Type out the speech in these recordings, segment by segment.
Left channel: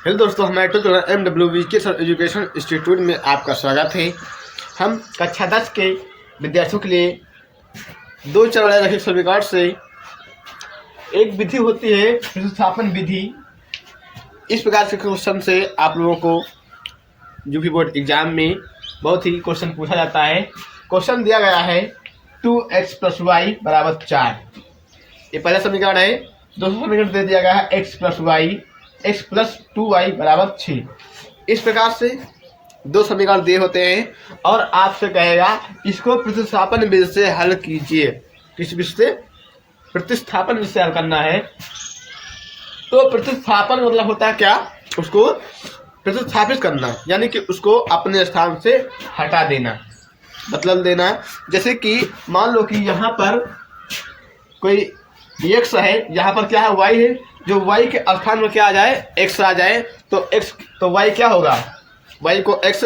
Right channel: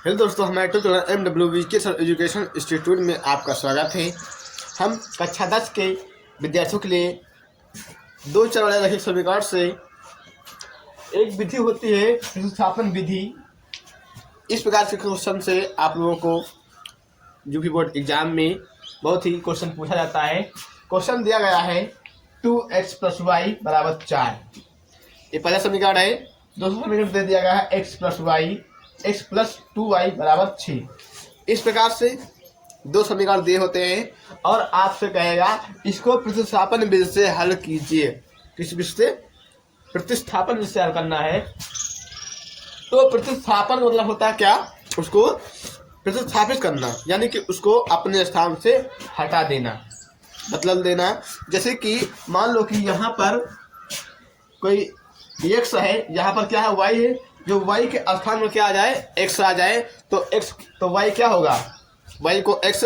Hello दोस्तों, हमारे tutorial MWV के साथ एजुकेशन इंस्टीट्यूट में आपका स्वागत है। हम कक्षा 10 के विद्यार्थियों के लिए दो चरण रखित समीकरण से एक विधि होती है प्रतिस्थापन विधि। इस प्रकार के क्वेश्चन से आप लोगों को जो भी बोर्ड एग्जाम में बहुत ही क्वेश्चन पूछा जाता है। क्वेश्चन दिया गया है 2x + y = 4। ये पहला समीकरण है। दूसरा समीकरण दे दिया गया है x + y x + 2y = 6। इस प्रकार से दो समीकरण दिए होते हैं और आपसे कहेगा इसको प्रतिस्थापन विधि से हल कीजिए। किस विधि से? प्रतिस्थापन विधि से हल करना है। तो प्रतिस्थापन मतलब होता है क्या? उसको प्रतिस्थापित करना, यानी कि उसको अपने स्थान से हटा देना, बदल देना। जैसे कि मान लो कि यहाँ पर कोई x है, यहाँ पर क्या है y है। जो y के स्थान में क्या आ जाए, x आ जाए, तो y क्या होगा? y को x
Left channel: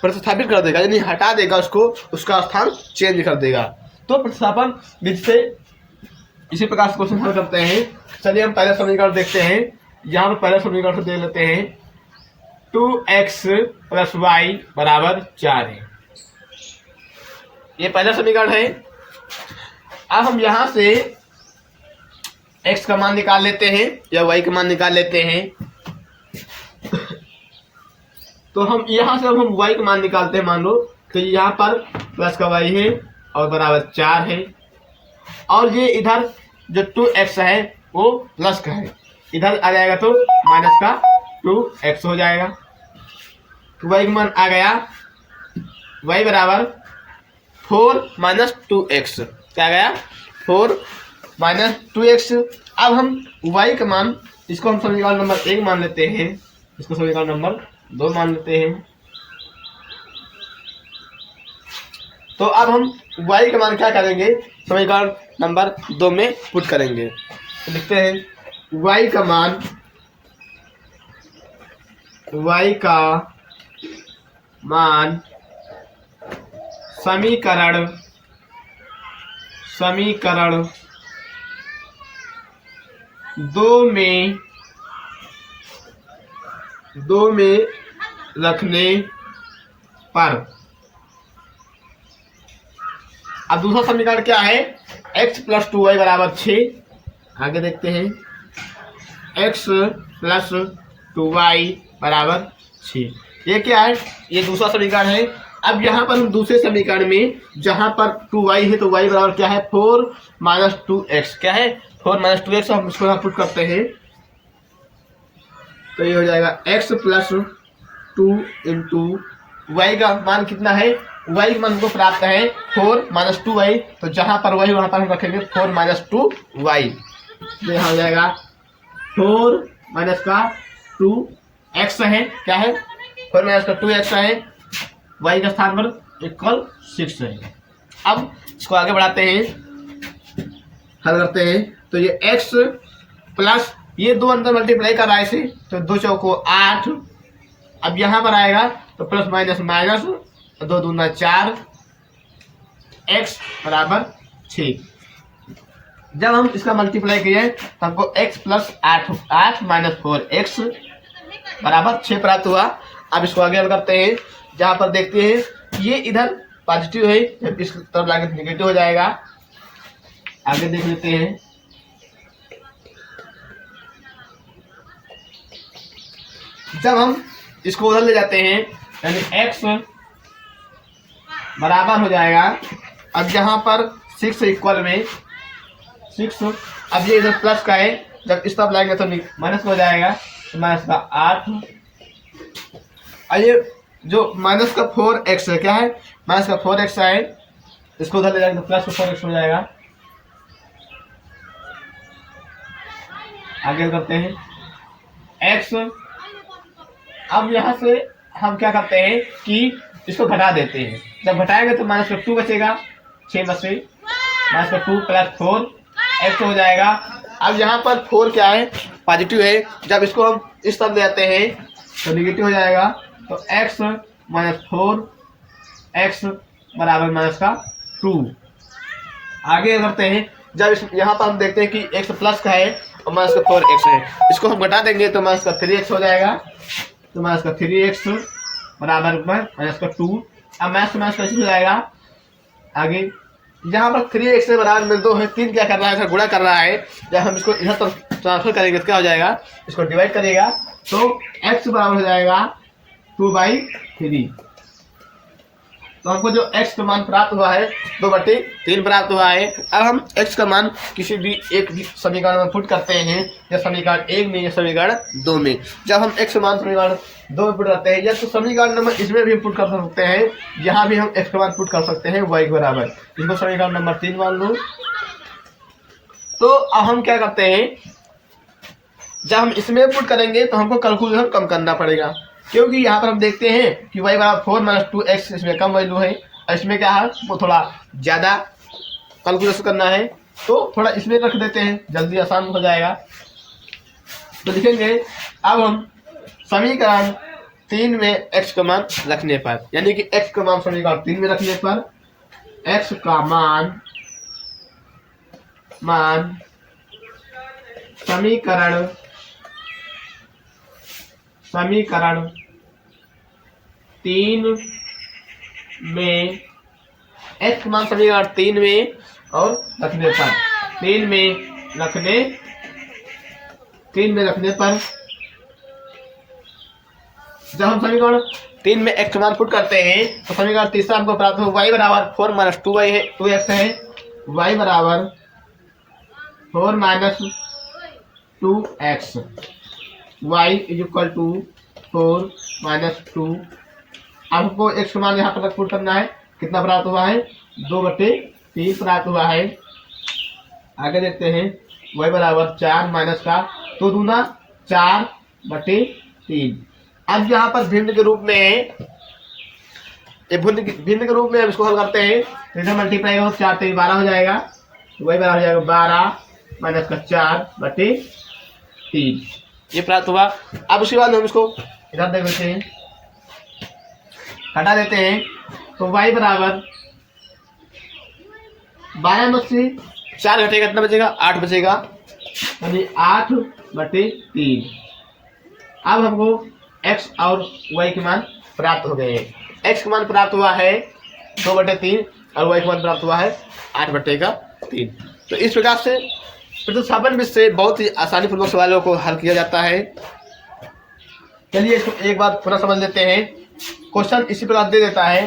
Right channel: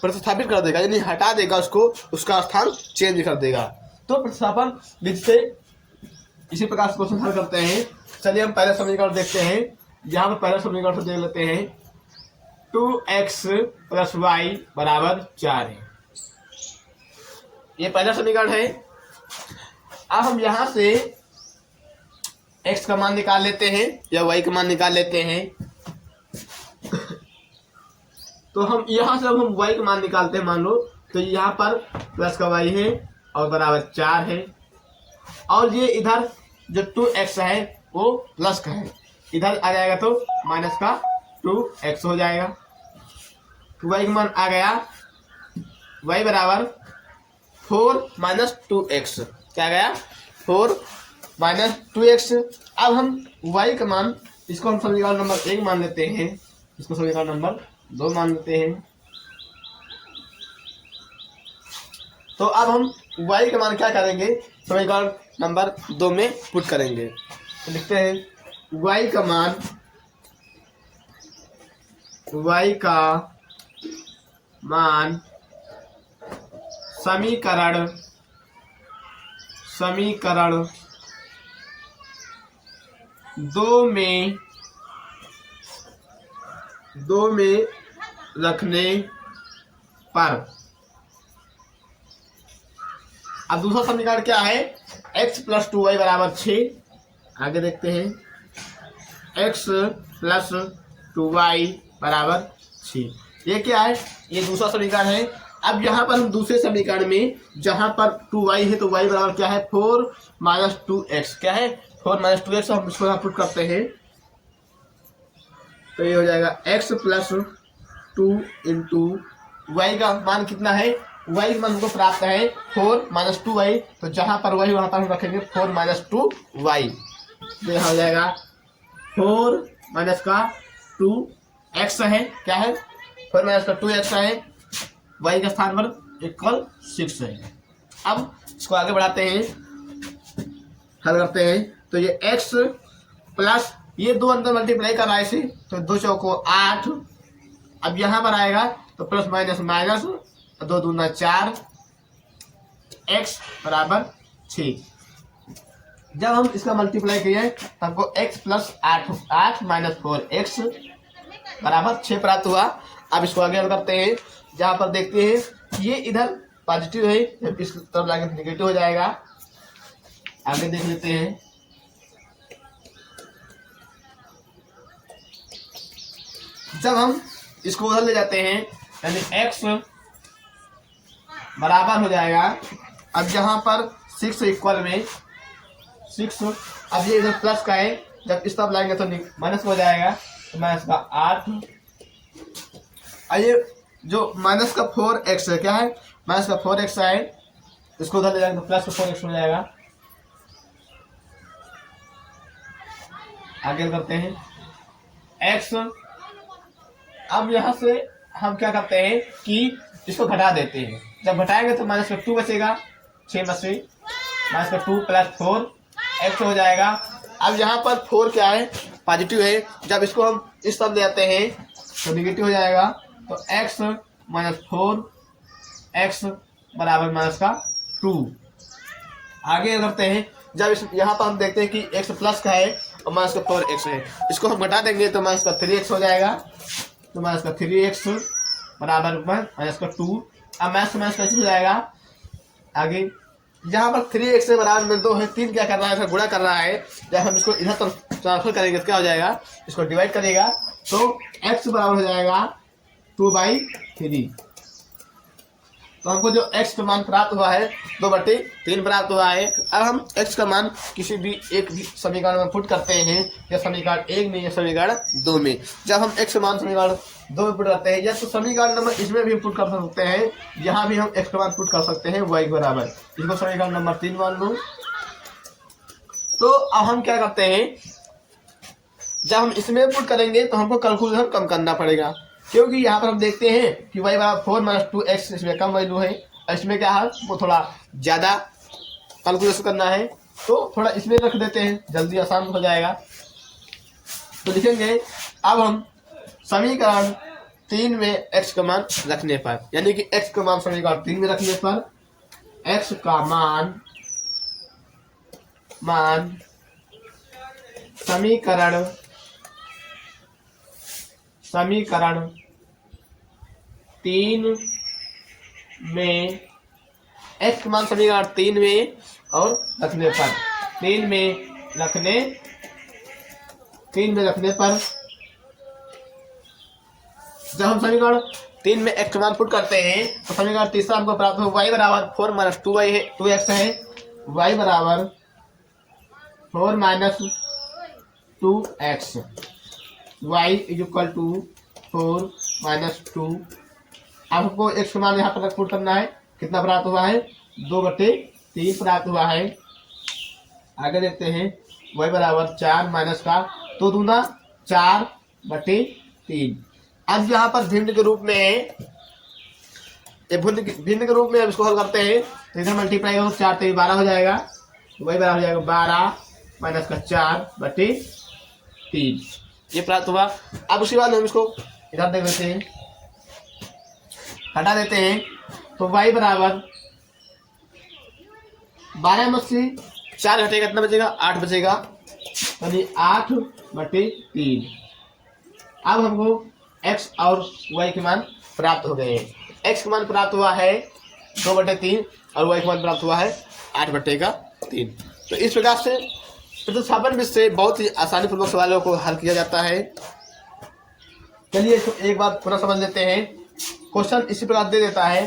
प्रतिस्थापित कर देगा, यानी हटा देगा उसको, उसका स्थान चेंज कर देगा। तो प्रतिस्थापन विधि से इसी प्रकार से क्वेश्चन हल करते हैं। चलिए हम पहला समीकरण देखते हैं। यहाँ पर पहला समीकरण दे लेते हैं 2x + y = 4 है। ये पहला समीकरण है। अब हम यहाँ से x का मान निकाल लेते हैं या y का मान निकाल लेते हैं। तो हम यहाँ से हम y का मान निकालते हैं। मान लो तो यहाँ पर प्लस का y है और बराबर 4 है, और ये इधर जो 2x है वो प्लस का है, इधर आ जाएगा तो माइनस का 2x हो जाएगा। तो y का मान आ गया y बराबर 4 - 2x। क्या गया? 4 - 2x। अब हम y का मान, इसको हम समीकरण नंबर 1 मान लेते हैं, इसको समीकरण नंबर 2 मान लेते हैं। तो अब हम y का मान क्या करेंगे? समीकरण नंबर 2 में पुट करेंगे। तो लिखते हैं y का मान समीकरण 2 में रखने पर। अब दूसरा समीकरण क्या है? x + 2y = 6। आगे देखते हैं x + 2y = 6। ये क्या है? ये दूसरा समीकरण है। अब यहाँ पर हम दूसरे समीकरण में जहाँ पर 2y है तो y बराबर क्या है? 4 - 2x। क्या है? 4 - 2x। हम इसको यहाँ पुट करते हैं तो ये हो जाएगा x + 2 × y का मान कितना है? y का मान हमको प्राप्त है 4 - 2y। तो जहाँ पर y वहाँ पर हम रखेंगे 4 - 2y। ये यहाँ हो जाएगा 4 - 2x है। क्या है? 4 - 2x है। y का स्थान पर इक्वल 6 है। अब इसको आगे बढ़ाते हैं, हल करते हैं। तो ये x प्लस ये 2 अंदर मल्टीप्लाई कर रहा है इसे, तो 2 चौको 8। अब यहाँ पर आएगा तो प्लस माइनस माइनस, 2 दूना 4, x बराबर 6। जब हम इसका मल्टीप्लाई किए तो हमको x + 8 - 4x बराबर 6 प्राप्त हुआ। अब इसको आगे हल करते हैं। जहाँ पर देखते हैं ये इधर पॉजिटिव है, जब इस तरफ लाके निगेटिव हो जाएगा। आगे देख लेते हैं। जब हम इसको उधर ले जाते हैं यानी x बराबर हो जाएगा, अब यहाँ पर 6 इक्वल में 6। अब ये इधर प्लस का है, जब इस तरफ लाएंगे तो माइनस हो जाएगा, तो माइनस का 8। ये जो माइनस का 4x है, क्या है? माइनस का 4x है, इसको उधर ले जाएंगे तो प्लस का 4x हो जाएगा। आगे करते हैं x। अब यहाँ से हम क्या करते हैं कि इसको घटा देते हैं। जब घटाएंगे तो माइनस का 2 बचेगा, 6 में से माइनस का 2 + 4x हो जाएगा। अब यहाँ पर 4 क्या है? पॉजिटिव है। जब इसको हम इस तरफ ले जाते हैं तो निगेटिव हो जाएगा, तो x - 4x बराबर माइनस का 2। आगे करते हैं। जब यहाँ पर हम देखते हैं कि x प्लस का है और माइनस का 4x है। इसको हम घटा देंगे तो माइनस का 3x हो जाएगा। तो माइनस का 3x बराबर माइनस का 2। अब माइनस कैसे हो जाएगा आगे, यहाँ पर 3x से बराबर में 2 है, 3 क्या कर रहा है, गुणा कर रहा है। जब हम इसको इधर तक ट्रांसफर करेंगे तो क्या हो जाएगा, इसको डिवाइड करेगा तो x बराबर हो जाएगा 2/3। तो हमको जो x का मान प्राप्त हुआ है 2/3 प्राप्त हुआ है। अब हम x का मान किसी भी एक समीकरण में पुट करते हैं, या समीकरण 1 में या समीकरण 2 में। जब हम x का मान समीकरण 2 में पुट करते हैं, या तो समीकरण नंबर इसमें भी हम पुट कर सकते हैं, यहाँ भी हम x का मान पुट कर सकते हैं y के बराबर। इसको समीकरण नंबर 3 मान लो। तो अब हम क्या करते हैं, जब हम इसमें पुट करेंगे तो हमको कैलकुलेशन कम करना पड़ेगा, क्योंकि यहाँ पर हम देखते हैं कि y बराबर 4 - 2x, इसमें कम वैल्यू है और इसमें क्या है वो थोड़ा ज़्यादा कैलकुलेशन करना है। तो थोड़ा इसमें रख देते हैं, जल्दी आसान हो जाएगा। तो लिखेंगे अब हम समीकरण 3 में x का मान रखने पर, यानी कि x का मान समीकरण 3 में रखने पर x का मान समीकरण 3 में x मान समीकरण 3 में और रखने पर 3 में रखने पर जब हम समीकरण 3 में x मान पुट करते हैं तो समीकरण तीसरा हमको प्राप्त हो y बराबर 4 - 2y है, 2x है। y बराबर 4 - 2x, y इक्वल टू 4 - 2। आपको x का मान यहाँ पर पुट करना है, कितना प्राप्त हुआ है 2/3 प्राप्त हुआ है। आगे देखते हैं y बराबर 4 माइनस का 2 दूना 4/3। अब यहाँ पर भिन्न के रूप में भिन्न के रूप में अब इसको हल करते हैं तो इधर मल्टीप्लाई हो 4 3 12 हो जाएगा। y बराबर हो जाएगा 12 माइनस का 4/3, ये प्राप्त हुआ। अब उसके बाद हम इसको इधर देख लेते हैं, हटा देते हैं तो y बराबर 12 में से 4 घटेगा, कितना बचेगा 8 बचेगा, यानी 8/3। अब हमको x और y के मान प्राप्त हो गए हैं। x का मान प्राप्त हुआ है 2/3 और y का मान प्राप्त हुआ है 8/3। तो इस प्रकार से प्रतिस्थापन विधि से बहुत ही आसानी पूर्वक सवालों को हल किया जाता है। चलिए इसको एक बार पुनः समझ लेते हैं। क्वेश्चन इसी प्रकार दे देता है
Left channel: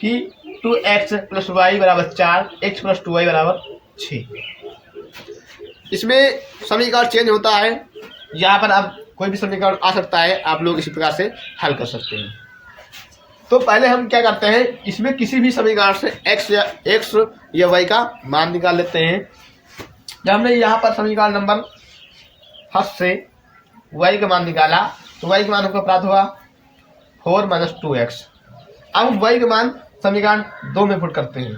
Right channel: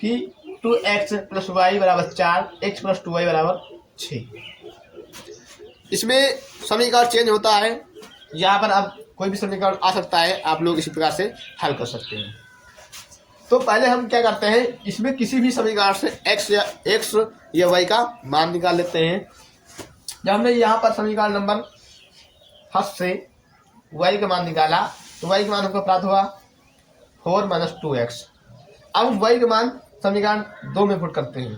कि 2x + y बराबर 4, x + 2y बराबर 6। इसमें समीकरण चेंज होता है, यहाँ पर अब कोई भी समीकरण आ सकता है, आप लोग इसी प्रकार से हल कर सकते हैं। तो पहले हम क्या करते हैं, इसमें किसी भी समीकरण से x या y का मान निकाल लेते हैं। जब हमने यहाँ पर समीकरण नंबर फर्स्ट से y का मान निकाला तो y का मान हमको प्राप्त हुआ 4 - 2x। अब हम y का मान समीकरण 2 में पुट करते हैं।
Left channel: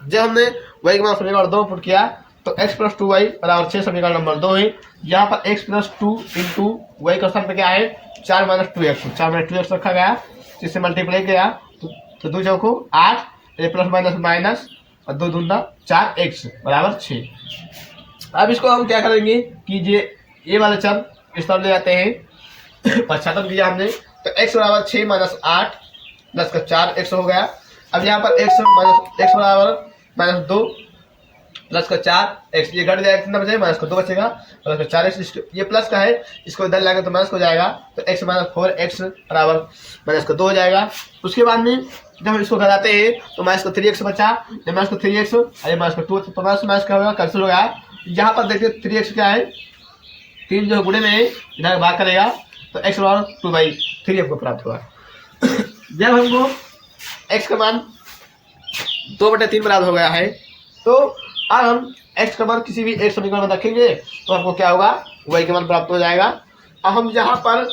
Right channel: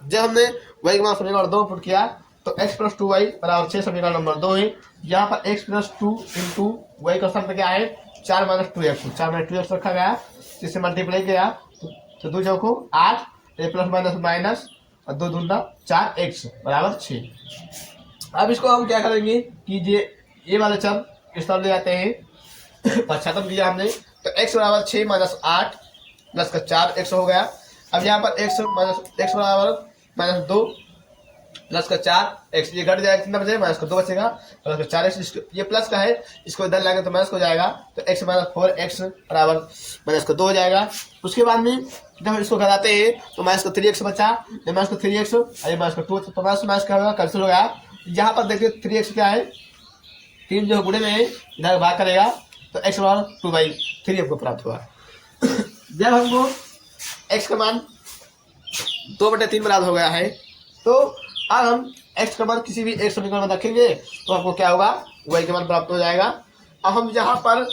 जब हमने y का मान समीकरण 2 में पुट किया तो x + 2y बराबर 6 समीकरण नंबर 2 है। यहाँ पर x + 2 इंटू y का सम क्या है 4 - 2x, 4 - 2x रखा गया, जिससे मल्टीप्लाई किया तो 2 चौको 8, प्लस माइनस माइनस और 2 दूना 4x बराबर 6। अब इसको हम क्या करेंगे कि ये वाले चर इस तरफ ले जाते हैं, पश्चातम किया हमने तो x बराबर 6 - 8 प्लस का 4x हो गया। अब यहाँ पर x बराबर -2 प्लस का 4x, ये घट जाएगा, कितना बचेगा माइनस का 2 बचेगा, प्लस का 4x, ये प्लस का है, इसको इधर लाएंगे तो माइनस हो जाएगा, तो x - 4x बराबर माइनस का 2 हो जाएगा। उसके बाद में जब हम इसको घटाते हैं तो माइनस का 3x बचा, माइनस का 3x और ये माइनस का 2, तो माइनस क्या होगा कैंसिल हो गया। यहाँ पर देखिए 3x क्या है, 3 जो गुणे में इधर भाग करेगा तो x बराबर 2/3 हमको प्राप्त हुआ। जब हमको x का मान 2/3 बराबर हो गया है तो अब हम x का मान किसी भी एक समीकरण में रखेंगे तो हमको क्या होगा y का मान प्राप्त हो जाएगा। अब हम यहाँ पर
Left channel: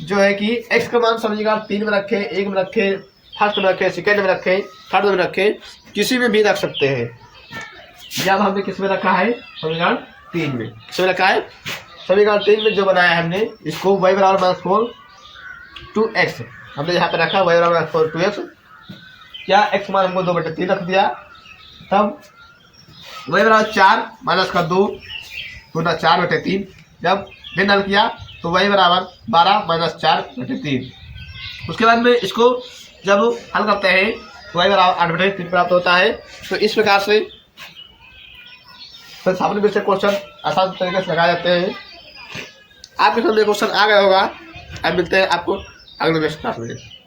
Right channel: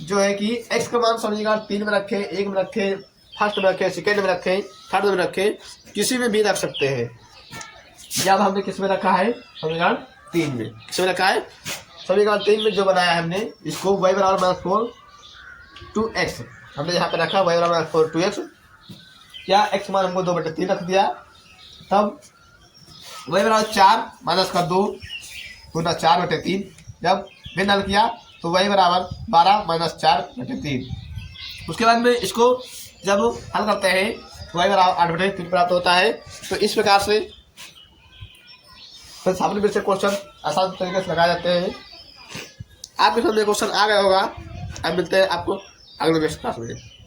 जो है कि x का मान समीकरण 3 में रखें, 1 में रखें, फर्स्ट में रखें, सेकेंड में रखें, थर्ड में रखें, किसी में भी रख सकते हैं। जब हमने किस में रखा है समीकरण 3 में, किस में रखा है समीकरण 3 में जो बनाया है हमने, इसको y बराबर -4 2x हमने यहाँ पे रखा, y बराबर -4 2x, क्या x मान हमको 2/3 रख दिया। तब y बराबर 4 माइनस का 2 गुना 4/3। जब भिन्न हल किया तो y बराबर 12 माइनस 4/3। उसके बाद में इसको जब हल करते हैं तो y बराबर 8/3 प्राप्त होता है। तो इस प्रकार से प्रतिस्थापन विधि से क्वेश्चन आसान तरीके से लगाए जाते हैं। आपके सामने क्वेश्चन आ गया होगा। अब मिलते हैं आपको अगले नेक्स्ट क्लास में।